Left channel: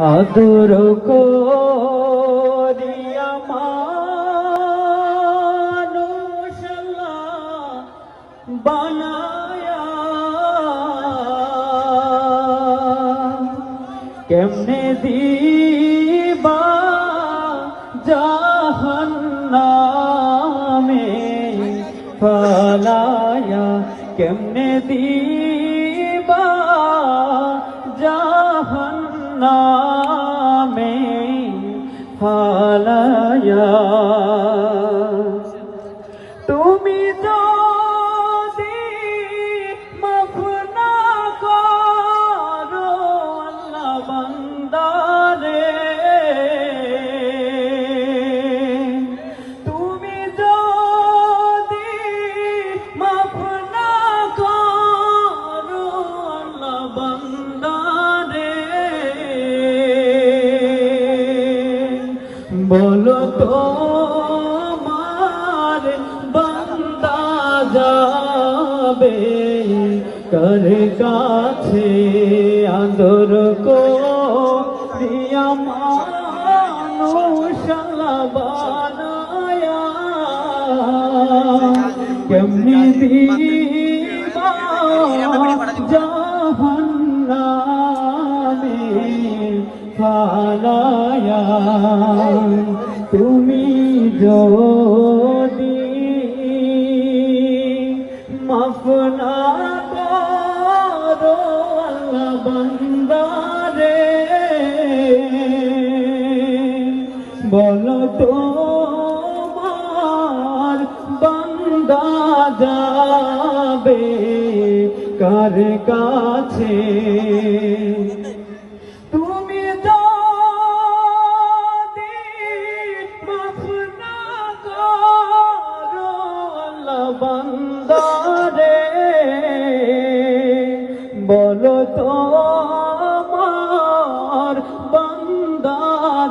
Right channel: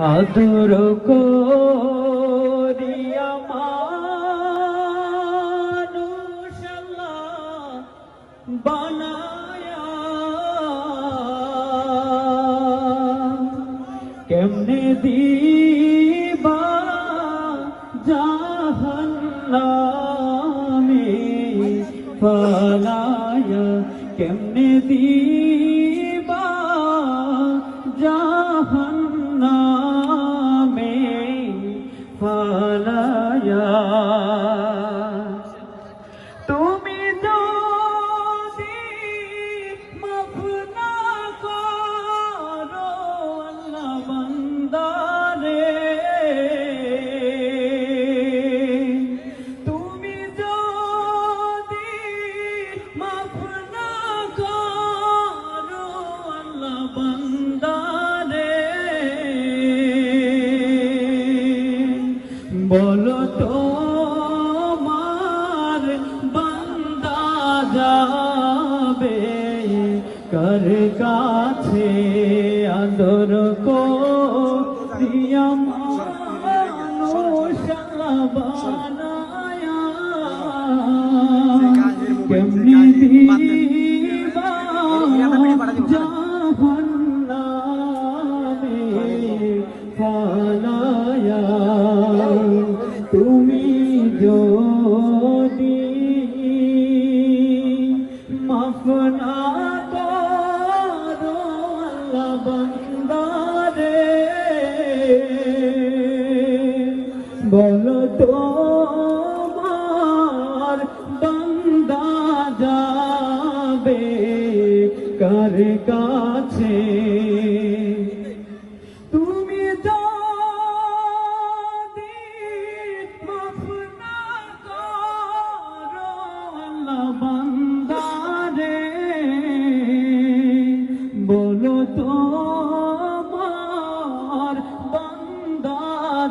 আদর বানায়া কেমনে দিবা জাহান্নামে ফালায়া কেমনে দিবা জাহান্নামে ফালায়া তুমি যদি মাফ না করো আল্লাহ বান্দারে। তুমি যদি মাফ না বলো তো মার বান্দা যাবে কার কাছে? আদর কো কেমনি দিবা জাহান্নামে ফালায়া তুমি যদি মাফ না করো আল্লাহ বান্দারে বলো তোমার বান্দা যাবে কার কাছে?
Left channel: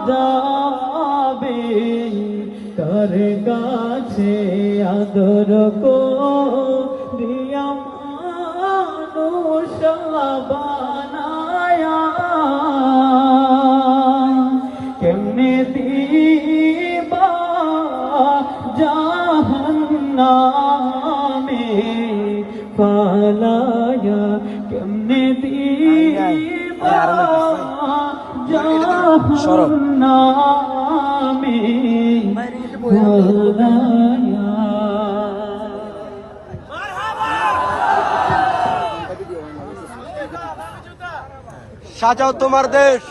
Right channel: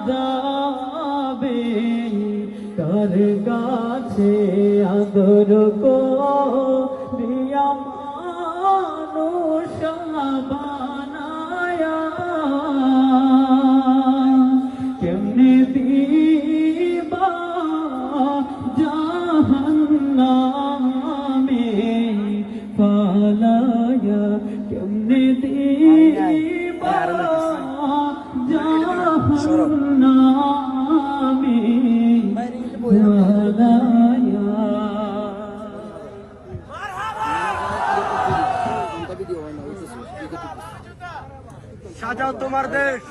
যাবে কার কাছে আদর দিয়া মানুষ বানায়া কেমনে দিবা জাহান্নামে ফালায়া কেমনে দিবা জাহান্নামে ফালায়া সাজাও তোমার দেশ।